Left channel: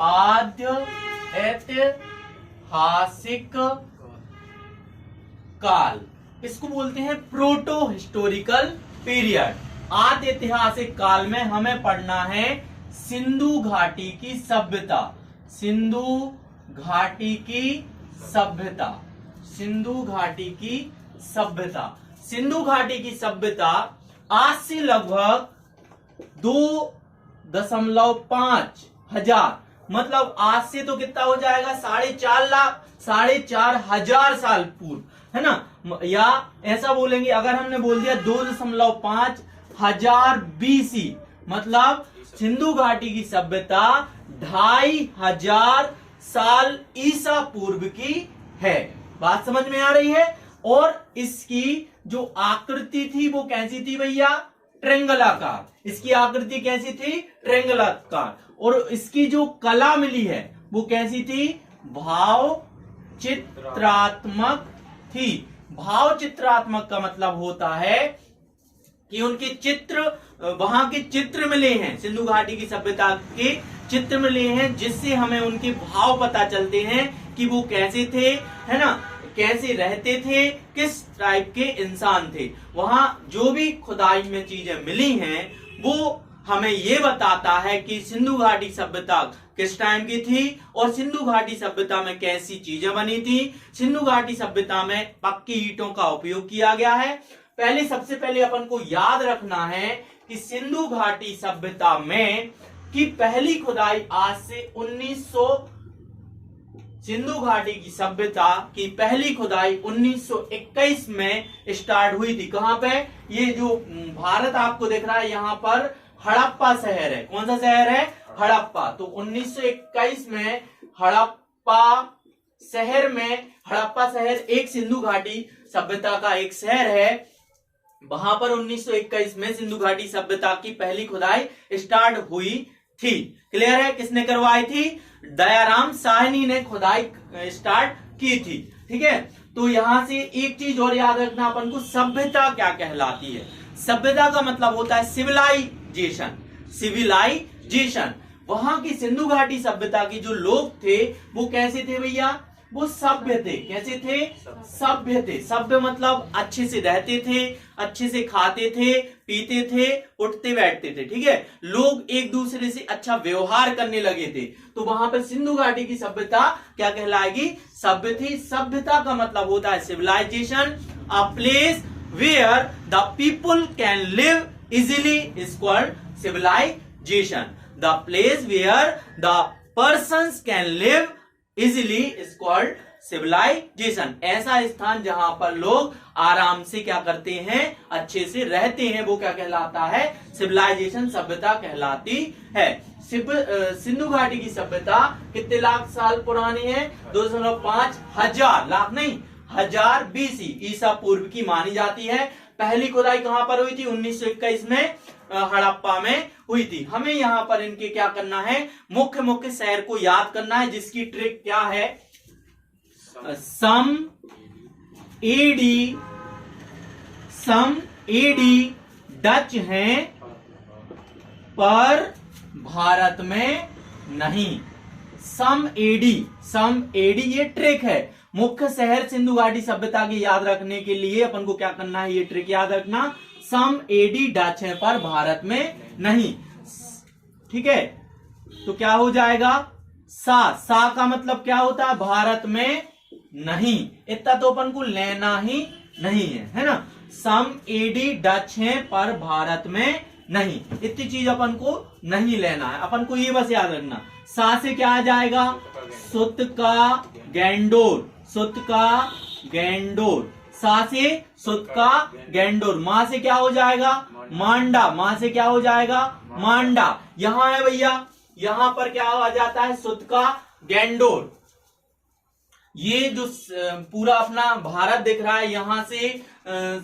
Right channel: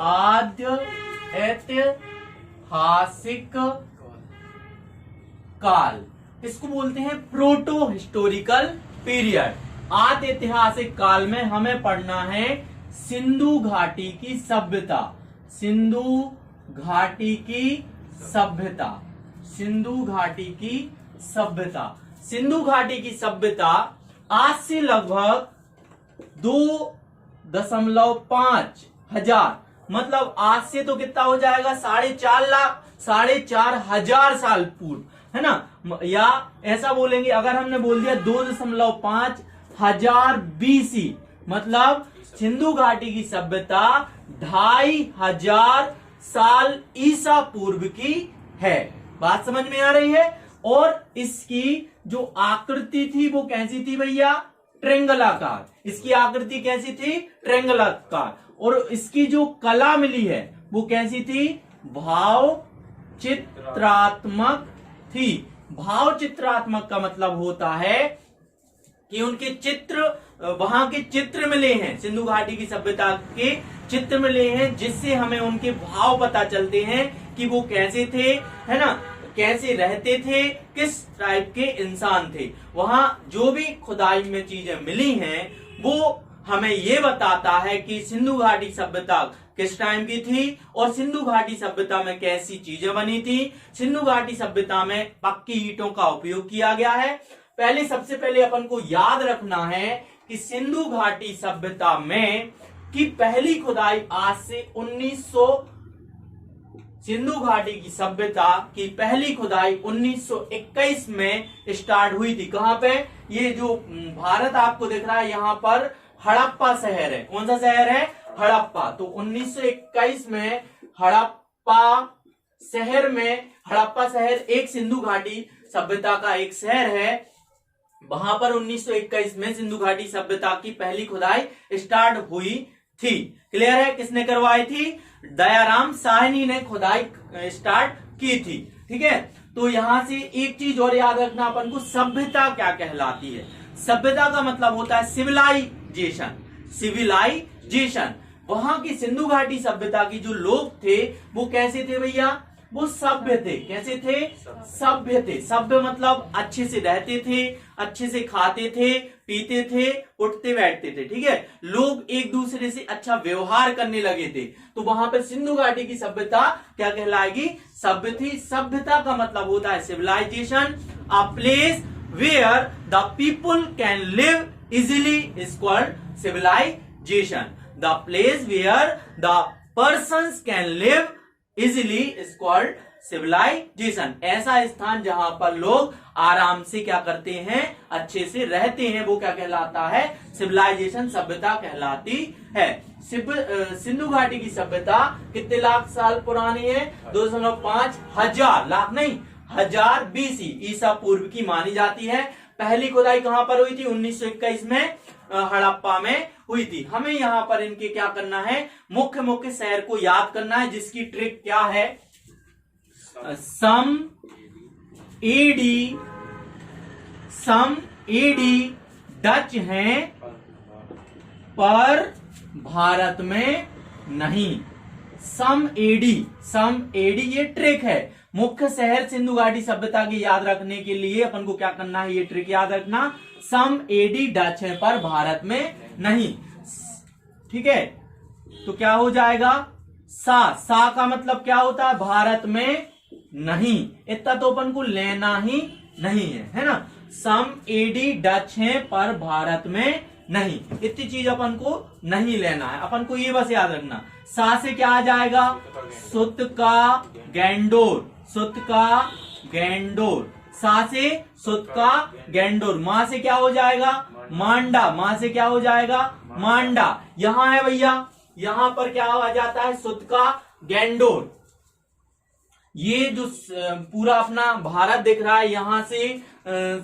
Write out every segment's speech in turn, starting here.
आद्य ऐतिहासिक काल, इसको बोलते हैं प्रोटो हिस्टोरिकल पीरियड। आद्य ऐतिहासिक काल में हमें पढ़ना है सिंधु घाटी की सभ्यता, सिंधु घाटी की सभ्यता, सिंधु घाटी की सभ्यता। सिंधु घाटी की सभ्यता आज से लगभग 2.5 हजार, मतलब आज से तो कितना हो जाएगा 4.5 लाख, 4.5 हजार साल पूर्व, है ना। या ऐसा बोलेंगे, अगर हमने बोल दिया 2.5 हजार BC, मतलब सिंधु घाटी की सभ्यता 2500 साल ईसा पूर्व की है। बात समझ में आ रही है। और इसकी जो आकृति थी वो कैसी थी भैया, ट्रेंगलाकार। इसकी आकृति कैसी थी, ट्रेंगलाकार। और इसकी जो कला मिली है वो कैसी थी, भाव चित्रात्मक थी। भाव चित्रात्मक का मतलब होता है कि उनके चित्र, वहां के चित्र मिले हैं, सिंधु घाटी की सभ्यता के चित्र मिले हैं, जिससे हमें उनके भाव पता चलते हैं कि वो कैसे थे, है ना, कैसे रहते थे, किस टाइप के इंसान थे। वहां जो भी खुदाई में चीजें मिली हैं वो हमें ये बताता है कि सिंधु घाटी सभ्यता किस टाइम की थी और सिंधु घाटी सभ्यता में कैसी चीजें बनी थी। सिंधु घाटी सभ्यता में पक्की ईंटों का उपयोग किया गया है। सबसे पहले अपन को याद रखना है कि सिंधु घाटी सभ्यता में की पहली खुदाई आज से 1900, सिंधु घाटी की सभ्यता की पहली खुदाई 1921 में स्टार्ट हुई थी। कहां पे, ये जो भारत आपको दिख रहा है यहाँ पर हड़प्पा शहर है। कौन सा शहर है, हड़प्पा। तो 1921 में हड़प्पा शहर में, हड़प्पा शहर एक सिंधु घाटी सभ्यता का एक शहर है। वहां पर 1921 में सिंधु घाटी सभ्यता की पहली खुदाई स्टार्ट हुई थी। क्लियर है। किसने करवाई थी, दयाराम साहनी ने खुदाई स्टार्ट की थी। ठीक है। तो यहां से एक चीज और याद रखना अपन को, सभ्यता क्या कहलाती है। सभ्यता का मतलब होता है सिविलाइजेशन, सिविलाइजेशन। वहां की सिंधु घाटी सभ्यता की जो लोग थे वो कैसे थे भैया, वो सभ्य थे। कैसे थे, सभ्य थे। सभ्य मतलब अच्छे से रहते थे, अच्छे से खाते थे, पीते थे, उठते बैठते थे। ठीक है। लोग एक दूसरे से अच्छा व्यवहार करने लगे थे। तो वहां पर सिंधु घाटी की सभ्यता क्या कहलाएगी, सभ्य थी। सभ्यता का मतलब होता है civilisation, a place where the people can live easily is called civilisation. The place where the persons can live easily is called civilisation. ऐसा स्थान जहां पर लोग आराम से क्या करते हैं, अच्छे से रहते हैं, वो क्या कहलाता है, सिविलाइजेशन, सभ्यता कहलाती है। सिंधु घाटी की सभ्यता कितने लाख साल पुरानी है, 2.5 हजार, लाख नहीं, हजार BC ईसा पूर्व की मानी जाती है। पहली खुदाई कहां पर हुई थी, 1921 में हड़प्पा में हुई थी। हमें यहाँ पर इनके क्या करना है, मुख्य मुख्य शहर को याद करना है, जिसकी ट्रिक क्या है, सम एडी डच हैं पर भारत में नहीं। सम एडी ये ट्रिक है। मुख्य शहर सिंधु घाटी सभ्यता की याद रखने के लिए अपन को क्या करना है, ये ट्रिक याद रखना, सम एडी डच है पर भारत में नहीं। ठीक है। तो क्या हो जाएगा, सा का मतलब क्या होता है, भारत में नहीं। इतना तो अपन को लेना ही नहीं है ना। सम एडी डच है पर भारत में नहीं, इतनी चीज अपन को नहीं लेना है। अपन को ये बस याद रखना, सा से क्या आ जाएगा, सुत का गैंडोर, सुत का गैंडोर। सा से सुत का गैंडोर। मां से क्या हो जाएगा, मांडा। मां से क्या हो जाएगा, मांडा। यहां है भैया, यहां पर क्या आ जाता है, सुत का गैंडोर। ये जो पूरा अपना भारत दिख रहा है, यहां से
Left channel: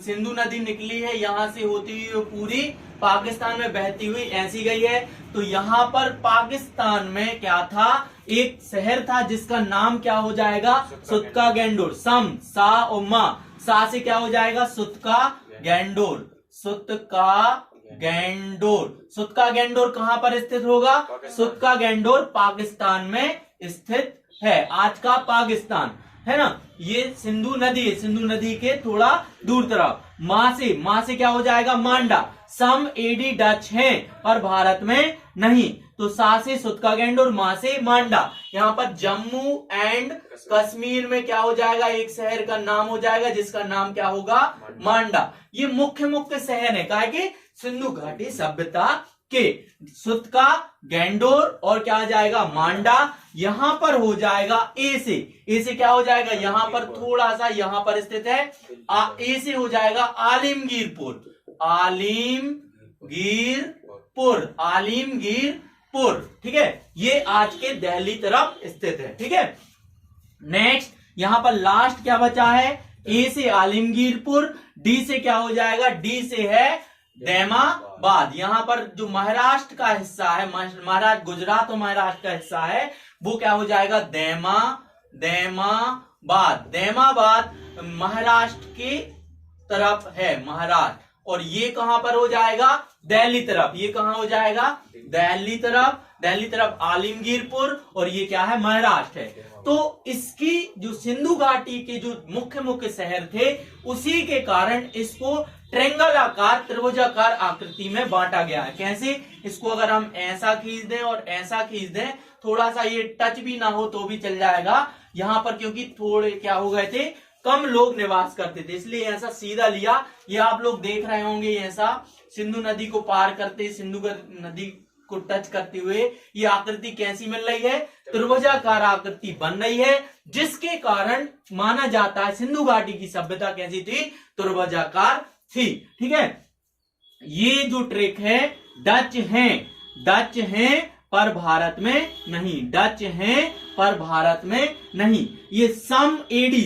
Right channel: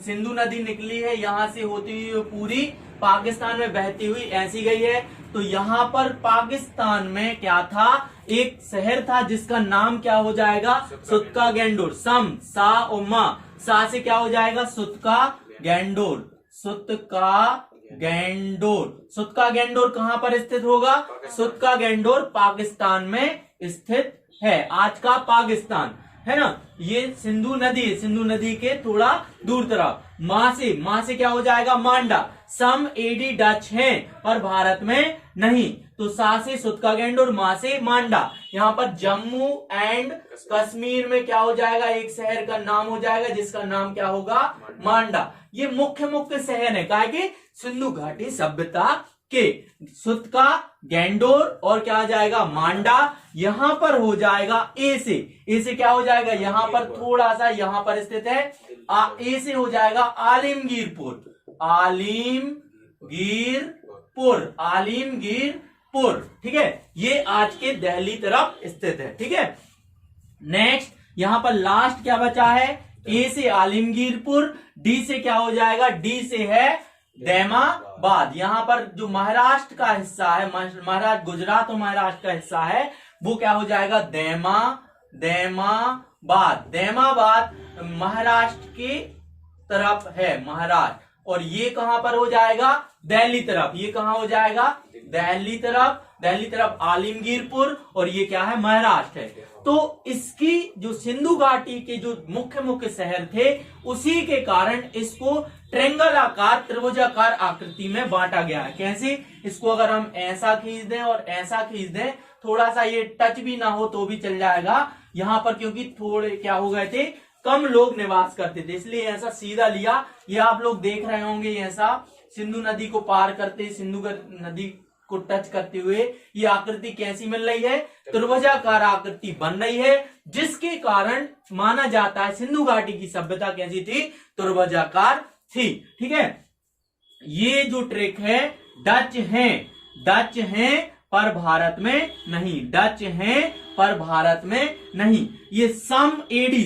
सिंधु नदी निकली है, यहां से होती हुई पूरी पाकिस्तान में बहती हुई ऐसी गई है। तो यहां पर पाकिस्तान में क्या था, एक शहर था जिसका नाम क्या हो जाएगा, सुत का गैंडोर। सम, सा और मा, सा से क्या हो जाएगा, सुत का गैंडोर, सुत का गैंडोर। सुतका गैंडोर कहां पर स्थित होगा? सुतका गैंडोर पाकिस्तान में स्थित है, आज का पाकिस्तान है ना। ये सिंधु नदी है, सिंधु नदी के थोड़ा दूर तरफ। मां से क्या हो जाएगा? मांडा। सम एडी डच हैं पर भारत में नहीं, तो सा से सुतका गैंडोर, मां से मांडा। यहाँ पर जम्मू एंड कश्मीर में क्या हो जाएगा? एक शहर का नाम हो जाएगा जिसका नाम क्या होगा? मांडा। ये मुख्य मुख्य शहर है कहा कि सिंधु घाटी सभ्यता के। सुतका गैंडोर और क्या आ जाएगा? मांडा। यहां पर हो जाएगा ए से क्या हो जाएगा? यहां पर थोड़ा सा यहां पर स्थित है, ए से हो जाएगा आलिमगीरपुर। ठीक है, ये आज के दिल्ली तरफ स्थित है। ठीक है, नेक्स्ट यहां पर लास्ट क्या बचा है? ए से आलिमगीरपुर, डी से क्या हो जाएगा? डी से है दैमाबाद। यहां पर जो महाराष्ट्र का हिस्सा है, महाराष्ट्र, गुजरात और महाराष्ट्र का हिस्सा है, वो क्या हो जाएगा? दैमाबाद महाराष्ट्र की तरफ है, महाराष्ट्र। और ये कहां पर हो जाएगा? दिल्ली तरफ। ये कहां हो जाएगा? दिल्ली तरफ आलिमगीरपुर, और ये क्या है? महाराष्ट्र है। तो इसकी जो सिंधु घाटी के जो मुख्य मुख्य शहर थे, उसी के कारण इसको ट्रेंगल आकार, त्रिभुजाकार आकृति में बांटा गया है। कैसे? इसको अगर हम ऐसा खींच दें और ऐसा खींच दें, थोड़ा सा ये टच भी ना हो तो भी चल जाएगा। यहाँ पर क्योंकि थोड़े क्या हो गए थे, कम लोग निवास करते थे, इसलिए ऐसा सीधा लिया। ये आप लोग देख रहे होंगे, ऐसा सिंधु नदी को पार करते, सिंधु नदी को टच करते हुए ये आकृति कैसी मिल रही है? त्रिभुजाकार आकृति बन रही है, जिसके कारण माना जाता है सिंधु घाटी की सभ्यता कैसी थी? त्रिभुजाकार थी। ठीक है, ये जो ट्रिक है, डच हैं पर भारत में नहीं, डच हैं पर भारत में नहीं। ये सम एडी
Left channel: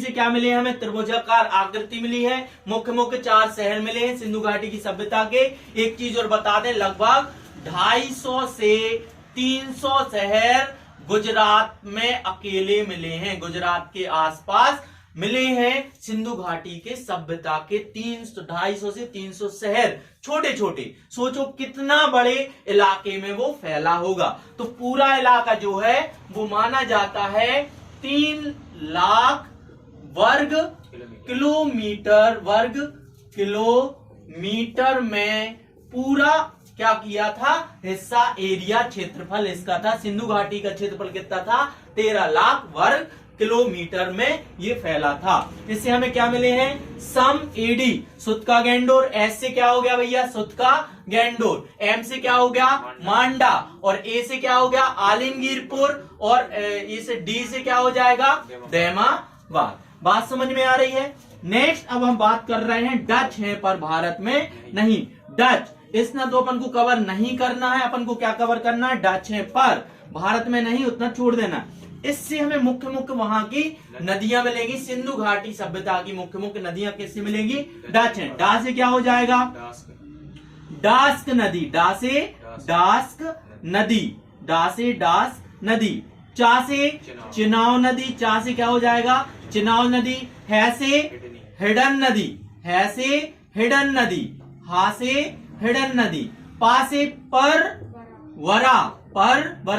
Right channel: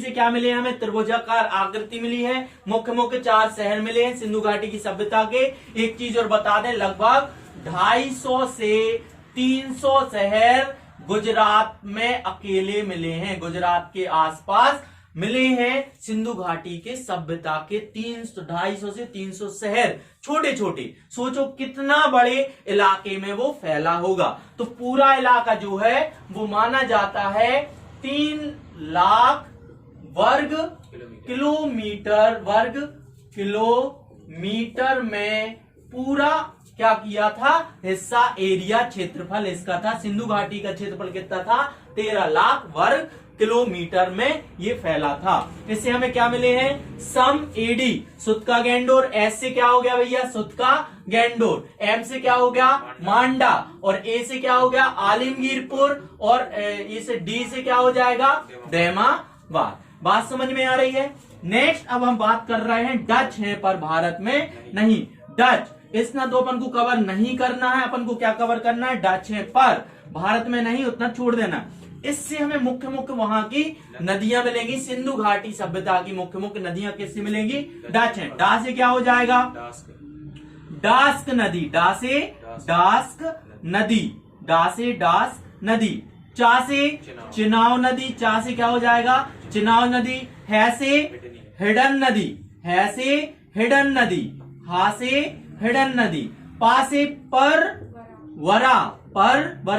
से क्या मिले हमें? त्रिभुजाकार आकृति मिली है। मुख्य मुख्य 4 शहर मिले हैं सिंधु घाटी की सभ्यता के। एक चीज और बता दें, लगभग 250 से 300 शहर गुजरात में अकेले मिले हैं, गुजरात के आसपास मिले हैं सिंधु घाटी के सभ्यता के 250 से 300 शहर, छोटे छोटे। सोचो कितना बड़े इलाके में वो फैला होगा। तो पूरा इलाका जो है वो माना जाता है 3 लाख वर्ग किलोमीटर में पूरा क्या किया था? हिस्सा, एरिया, क्षेत्रफल इसका था। सिंधु घाटी का क्षेत्रफल कितना था? 13 लाख वर्ग किलोमीटर में ये फैला था। इससे हमें क्या मिले हैं? सम एडी, सुतका गैंडोर। एस से क्या हो गया भैया? सुतका गैंडोर। एम से क्या हो गया? मांडा। और ए से क्या हो गया? आलिमगीरपुर। और इस डी से क्या हो जाएगा? दैमाबाद। बात समझ में आ रही है? नेक्स्ट अब हम बात कर रहे हैं डच हैं पर भारत में नहीं। डच इतना तो अपन को कवर नहीं करना है, अपन को क्या कवर करना है? डच हैं पर भारत में नहीं, उतना छोड़ देना। इससे हमें मुख्य मुख्य वहां की नदियां मिलेंगी। सिंधु घाटी सभ्यता की मुख्य मुख्य नदियां किससे मिलेंगी? डच हैं। डा से क्या हो जाएगा? डास्क नदी। डा से डास्क नदी। चा से चिनाव नदी। चा से क्या हो जाएगा? चिनाव नदी। है से हिडन नदी। हा से हिडन नदी। पा से परवरा,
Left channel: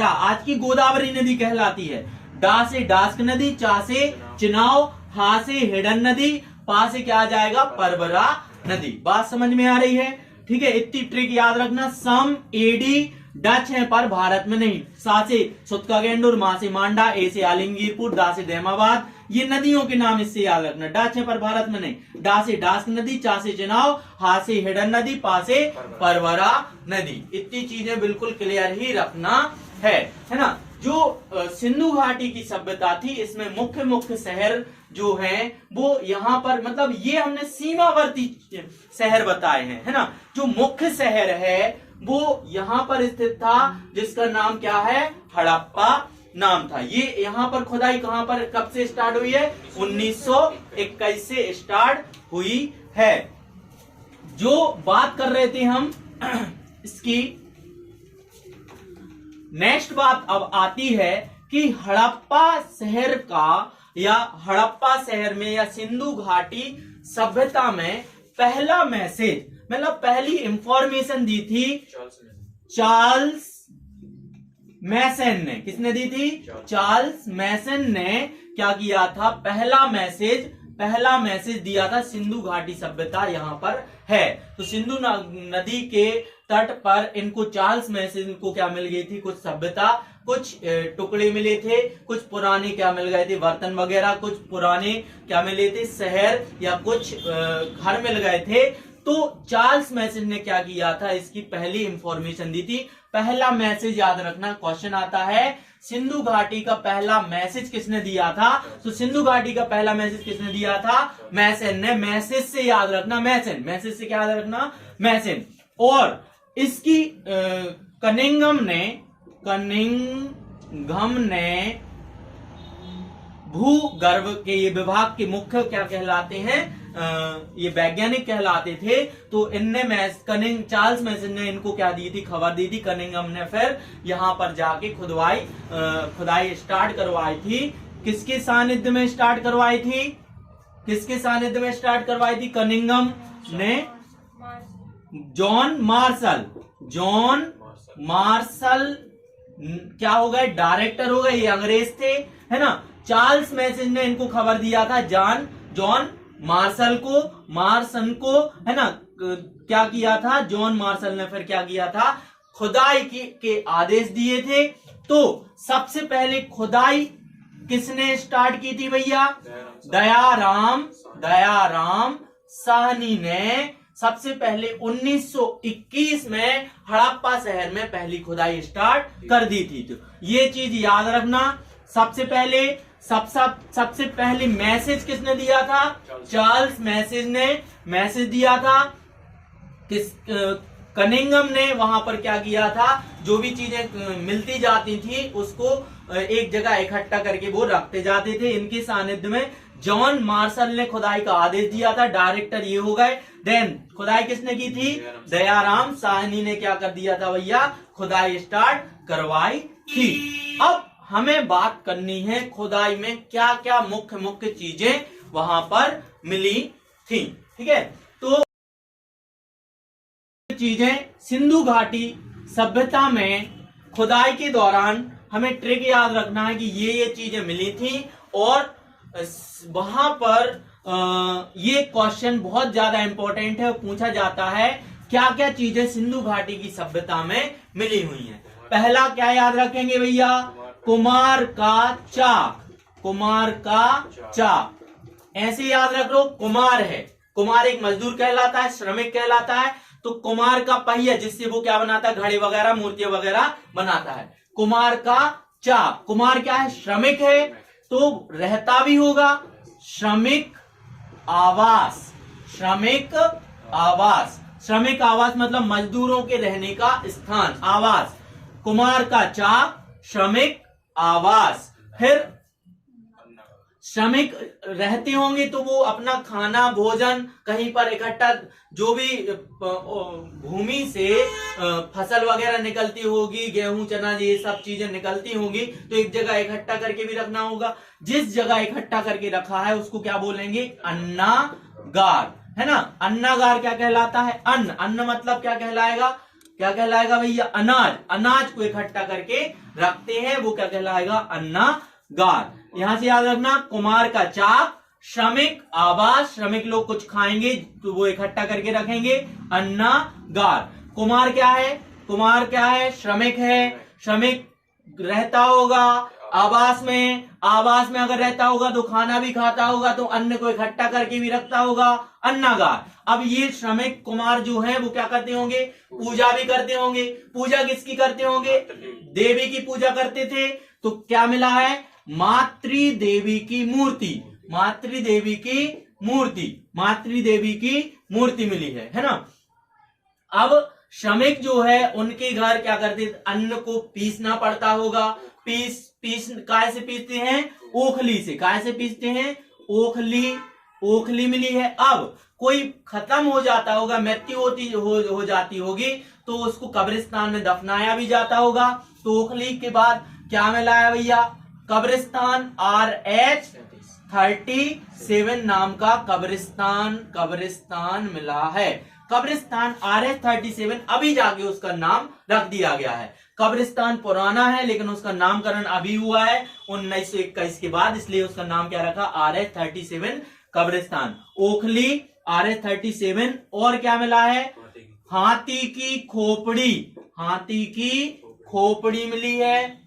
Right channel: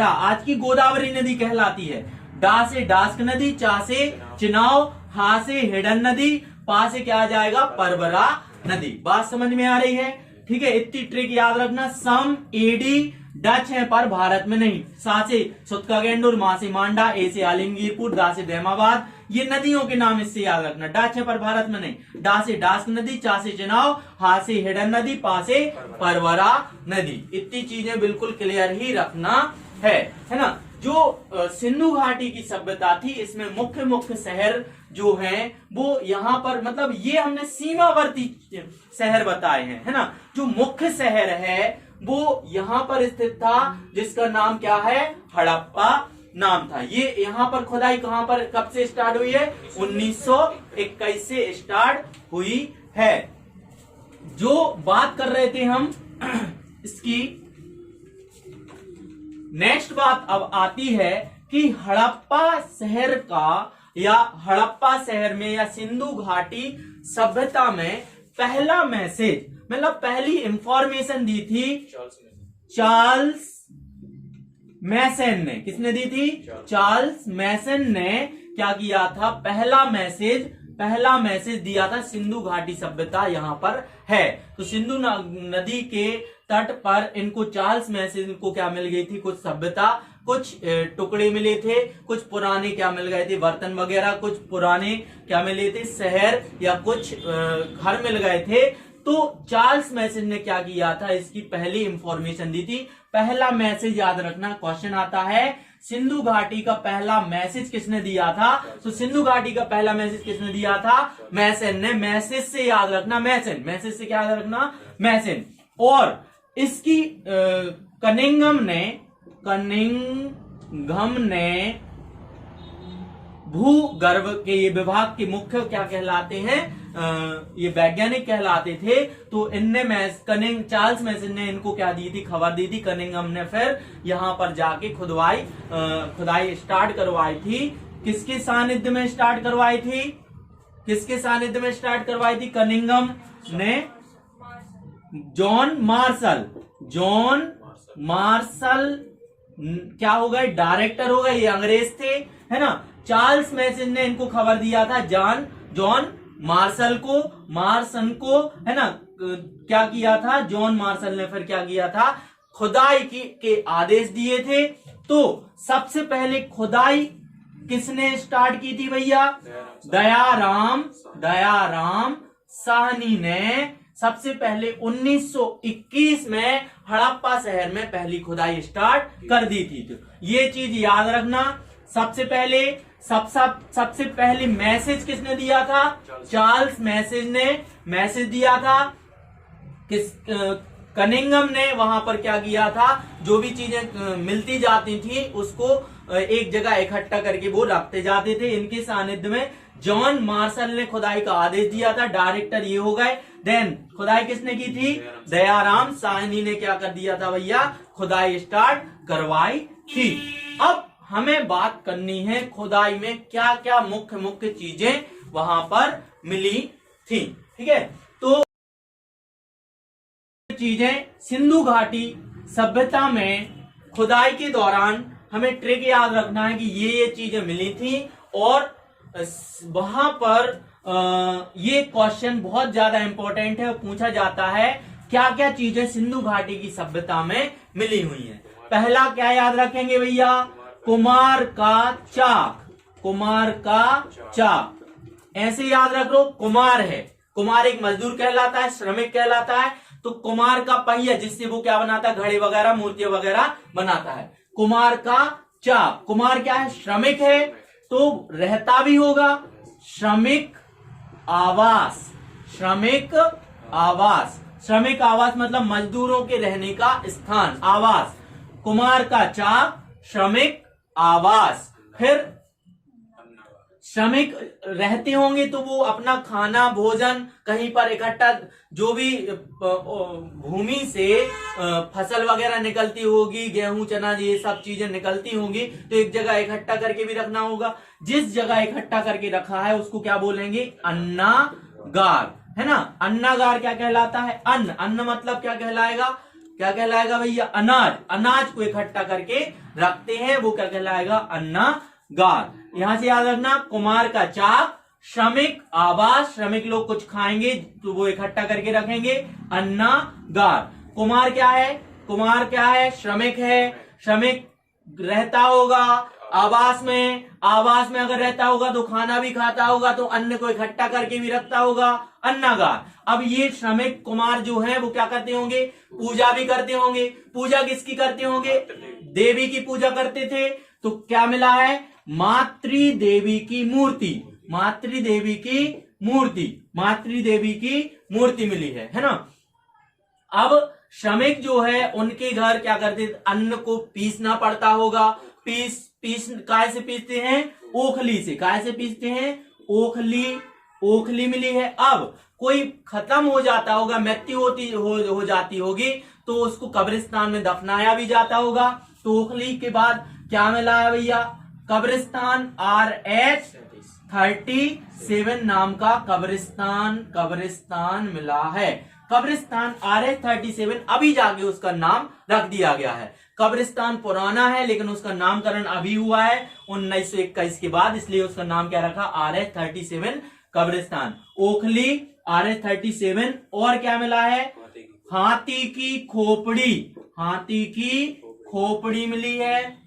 आज की गोदावरी नदी कहलाती है। डा से डास्क नदी। चा से चिनाव। हा से हिडन नदी। पा से क्या आ जाएगा? परवरा नदी। बात समझ में आ रही है? ठीक है, इतनी ट्रिक याद रखना। सम एडी डच है पर भारत में नहीं। सा से सुतका गैंडोर, मा से मांडा, ए से आलिमगीरपुर, दा से दैमाबाद। ये नदियों के नाम इससे याद रखना। डच है पर भारत में नहीं। डा से डास्क नदी। चा से चिनाव। हा से हिडन नदी। पा से परवरा नदी। इतनी चीजें बिल्कुल क्लियर ही रखना है ना। जो सिंधु घाटी की सभ्यता थी, इसमें मुख्य मुख्य शहर जो हैं वो यहाँ पर, मतलब ये हमने सीमावर्ती शहर बताए हैं, है ना। जो मुख्य शहर है वो यहाँ पर स्थित था, जिसका नाम क्या है? हड़प्पा नाम था। ये यहाँ पर खुदाई कहां पर, कब से स्टार्ट हुई है? 1921 से स्टार्ट हुई है। जो बात कर रहे थे हम इसकी नेक्स्ट बात अब आती है कि हड़प्पा शहर का, या हड़प्पा शहर में या सिंधु घाटी सभ्यता में पहला मैसेज मतलब पहली इंफॉर्मेशन दी थी चार्ल्स मैसन ने। किसने दी थी? चार्ल्स मैसन ने क्या किया था? पहला मैसेज दिया था सिंधु घाटी सभ्यता यहां पर है। तो सिंधु नदी के तट पर इनको चार्ल्स मैसन को क्या मिल गई थी? कुछ सभ्यता, कुछ टुकड़े मिले थे, कुछ पुराने क्या मिल गए थे? बर्तन वगैरह, कुछ पुराने क्या मिले थे? शहर या कुछ घर मिल गए थे। तो चार्ल्स मैसन ने क्या किया था? इसकी पहली इंफॉर्मेशन दी थी। पहला मैसेज याद रखना, क्वेश्चन आता है सिंधु घाटी का पहला मैसेज किसने दिया था? तो सिंधु घाटी का पहला मैसेज किसने दिया था? मैसन ने। मैसेज से याद रखना मैसन, मैसेज से क्या याद रखना? मैसन। और इसकी कनिंघम ने भूगर्भ के ये विभाग के मुख्य क्या कहलाते हैं? ये वैज्ञानिक कहलाते थे। तो इनने चार्ल्स मैसन ने इनको क्या दी थी? खबर दी थी। कनिंघम ने फिर यहाँ पर जाके खुदाई स्टार्ट करवाई थी। किसके सानिध्य में स्टार्ट करवाई थी? किसके सानिध्य में स्टार्ट करवाई थी? कनिंघम ने जॉन मार्शल क्या हो गए? डायरेक्टर हो गए। ये अंग्रेज थे, है ना। चार्ल्स मैसन ने इनको खबर दिया था जॉन मार्शल को, है ना। क्या किया था? जॉन मार्शल ने फिर क्या किया था? खुदाई के आदेश दिए थे। तो सबसे पहले खुदाई किसने स्टार्ट की थी भैया? दयाराम साहनी ने सबसे पहले 1921 में हड़प्पा शहर में पहली खुदाई स्टार्ट कर दी थी। तो ये चीज याद रखना। सबसे पहले मैसेज किसने दिया था? चार्ल्स मैसेज ने मैसेज दिया था। कनिंघम ने वहां पर क्या किया था? जो भी चीजें मिलती जाती थी उसको एक जगह इकट्ठा करके वो रखते जाते थे। इनके सानिध्य में जॉन मार्शल ने खुदाई का आदेश दिया था। डायरेक्टर ये हो गए। देन खुदाई किसने की थी? दयाराम साहनी ने क्या कर दिया था भैया? खुदाई स्टार्ट करवाई थी। अब हमें बात करनी है खुदाई में क्या क्या मुख्य चीजें वहां पर मिली थी। ठीक है, तो चीजें सिंधु घाटी सभ्यता में खुदाई के दौरान हमें ट्रिक याद रखना है कि ये चीजें मिली थी। और वहां पर ये क्वेश्चन बहुत ज्यादा इंपॉर्टेंट है, पूछा जाता है क्या क्या चीजें सिंधु घाटी की सभ्यता में मिली हुई हैं। पहला क्या याद रखेंगे भैया? कुम्हार का चाक। ऐसे याद रख लो, कुम्हार है, कुम्हार एक मजदूर कहलाता है, श्रमिक कहलाता है। तो कुम्हार का पहिया जिससे वो क्या बनाता है? घड़े वगैरह, मूर्तियां वगैरह बनाता है। कुम्हार का चाक। कुम्हार क्या है? श्रमिक है, तो रहता भी होगा। श्रमिक आवास मतलब मजदूरों के रहने का स्थान, आवास। कुम्हार का चाक, श्रमिक आवास। फिर श्रमिक रहते होंगे तो वो अपना खाना, भोजन कहीं पर इकट्ठा, जो भी भूमि से फसल वगैरह निकलती होगी, गेहूं, चना, ये सब चीजें निकलती होंगी, तो एक जगह इकट्ठा करके भी रखना होगा। जिस जगह इकट्ठा करके रखा है उसको क्या बोलेंगे? अन्नागार, है ना। अन्नागार क्या कहलाता है? अन्न मतलब क्या कहलाएगा? क्या कहलाएगा भैया? अनाज को इकट्ठा करके रखते हैं, वो क्या कहलाएगा? अन्नागार। यहां से याद रखना, कुम्हार का चाक, श्रमिक आवास, श्रमिक लोग कुछ खाएंगे तो वो इकट्ठा करके रखेंगे, अन्नागार। कुम्हार क्या है? श्रमिक है, श्रमिक रहता होगा आवास में अगर रहता होगा तो खाना भी खाता होगा, तो अन्न को इकट्ठा करके भी रखता होगा, अन्नागार। अब ये श्रमिक कुम्हार जो है वो क्या करते होंगे? पूजा भी करते होंगे। पूजा किसकी करते होंगे? देवी की पूजा करते थे। तो क्या मिला है? मातृदेवी की मूर्ति मिली है ना। अब श्रमिक जो है उनके घर क्या करते? अन्न को पीसना पड़ता होगा। पीस काय से पीसते हैं? ओखली से। काय से पीसते हैं? ओखली मिली है। अब कोई खत्म हो जाता होगा, मृत्यु हो जाती होगी, तो उसको कब्रिस्तान में दफनाया भी जाता होगा। तो ओखली के बाद क्या मिला है भैया? कब्रिस्तान। RH-37 नाम का कब्रिस्तान मिला है। कब्रिस्तान RH-37 अभी जाके उसका नाम रख दिया गया है। कब्रिस्तान पुराना है लेकिन उसका नामकरण अभी हुआ है 1921 के बाद, इसलिए उसका नाम क्या रखा, RH-37 कब्रिस्तान। ओखली RH-37 और क्या मिला है, हाथी की खोपड़ी, हाथी की खोपड़ी मिली है।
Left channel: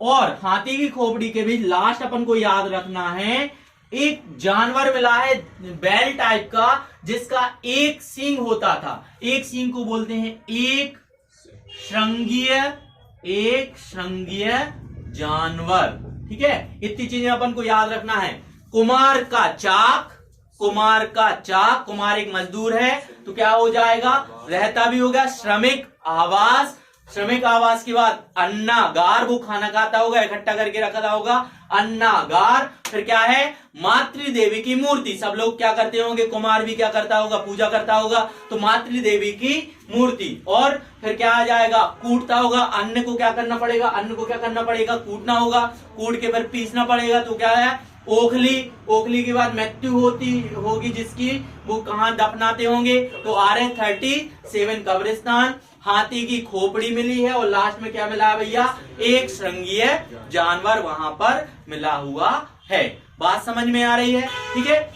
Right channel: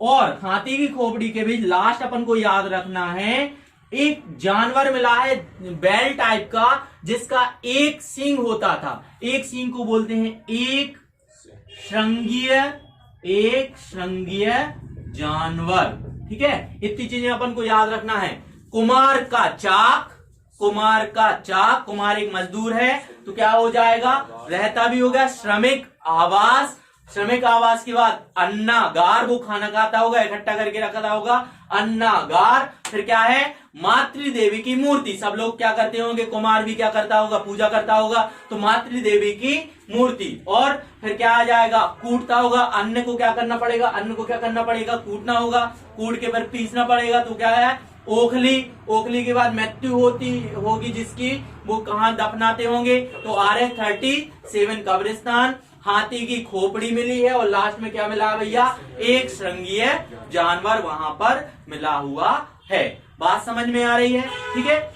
और हाथी की खोपड़ी के भी लास्ट अपन को याद रखना है, एक जानवर मिला है बैल टाइप का जिसका एक सींग होता था। एक सींग को बोलते हैं एक श्रृंगीय जानवर। ठीक है, इतनी चीजें अपन को याद रखना है। कुमार का चाक, कुमार का चाक, कुमार एक मजदूर है तो क्या हो जाएगा, रहता भी हो गया। श्रमिक आवास, श्रमिक आवास के बाद अन्नागार, वो खाना खाता होगा, इकट्ठा करके रखा होगा, अन्नागार। फिर क्या है, मातृदेवी की मूर्ति, सब लोग क्या करते होंगे, कुमार भी क्या करता होगा, पूजा करता होगा, तो मातृदेवी की मूर्ति। और फिर क्या आ जाएगा, कूटता होगा, अन्न को क्या करना पड़ेगा, अन्न को क्या करना पड़ेगा, कूटना होगा, कूट के फिर पीसना पड़ेगा, तो क्या है, ओखली। ओखली के बाद मृत्यु होगी जिसकी, वो कहां दफनाते होंगे, तो RH-37 कब्रिस्तान। हाथी की खोपड़ी मिली है और लास्ट में क्या मिला है भैया, एक श्रृंगीय जानवर वहां पर मिला हुआ है। बात समझ में आ रही है? ठीक है,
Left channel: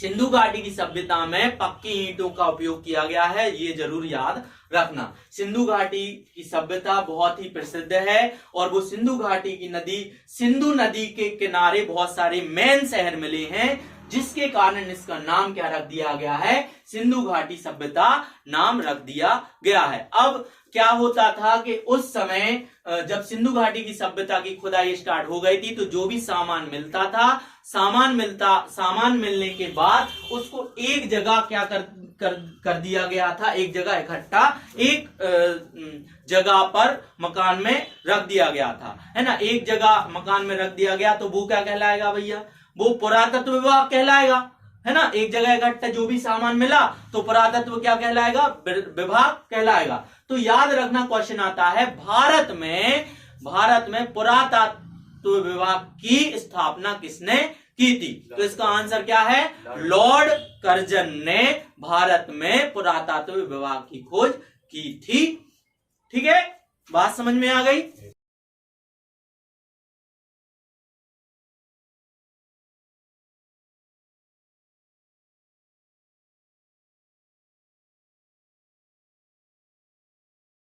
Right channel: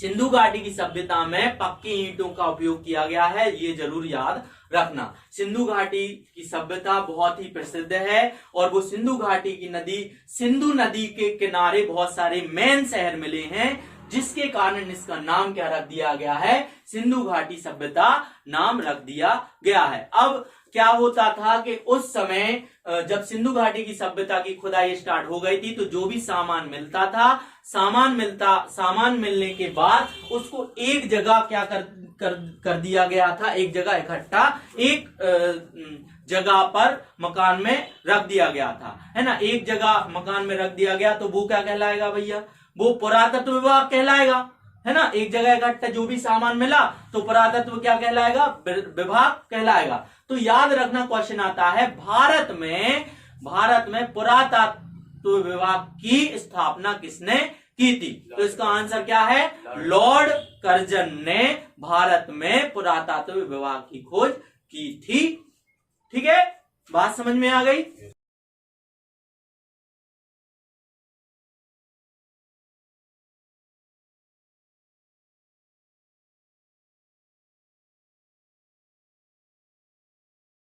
सिंधु घाटी की सभ्यता में पक्की ईंटों का उपयोग किया गया है, ये जरूर याद रखना। सिंधु घाटी की सभ्यता बहुत ही प्रसिद्ध है और वो सिंधु घाटी की नदी, सिंधु नदी के किनारे बहुत सारे मेन शहर मिले हैं, जिसके कारण इसका नाम क्या रख दिया गया है, सिंधु घाटी सभ्यता नाम रख दिया गया है। अब क्या होता था कि उस समय जब सिंधु घाटी की सभ्यता की खुदाई स्टार्ट हो गई थी, तो जो भी सामान मिलता था, सामान मिलने के बाद उसको एक जगह क्या कर दिया गया था, एक जगह इकट्ठा एक जगह पर मकान में रख दिया गया था, है ना। एक जगह मकान में रख दिया गया तो वो क्या कहलाएगा भैया, वो पुरातत्व विभाग कहलाएगा, है ना। एक जगह इकट्ठा जो भी सामान मिला तो पुरातत्व क्या कहलाएगा, विभाग कहलाएगा। तो याद रखना, क्वेश्चन आता है भारत में पुरातत्व विभाग की स्थापना किसने की थी, तो इसका आंसर क्या है, लॉर्ड कर्जन ने भारत में पुरातत्व विभाग की खोज की थी। ठीक है, बात समझ में आ गई।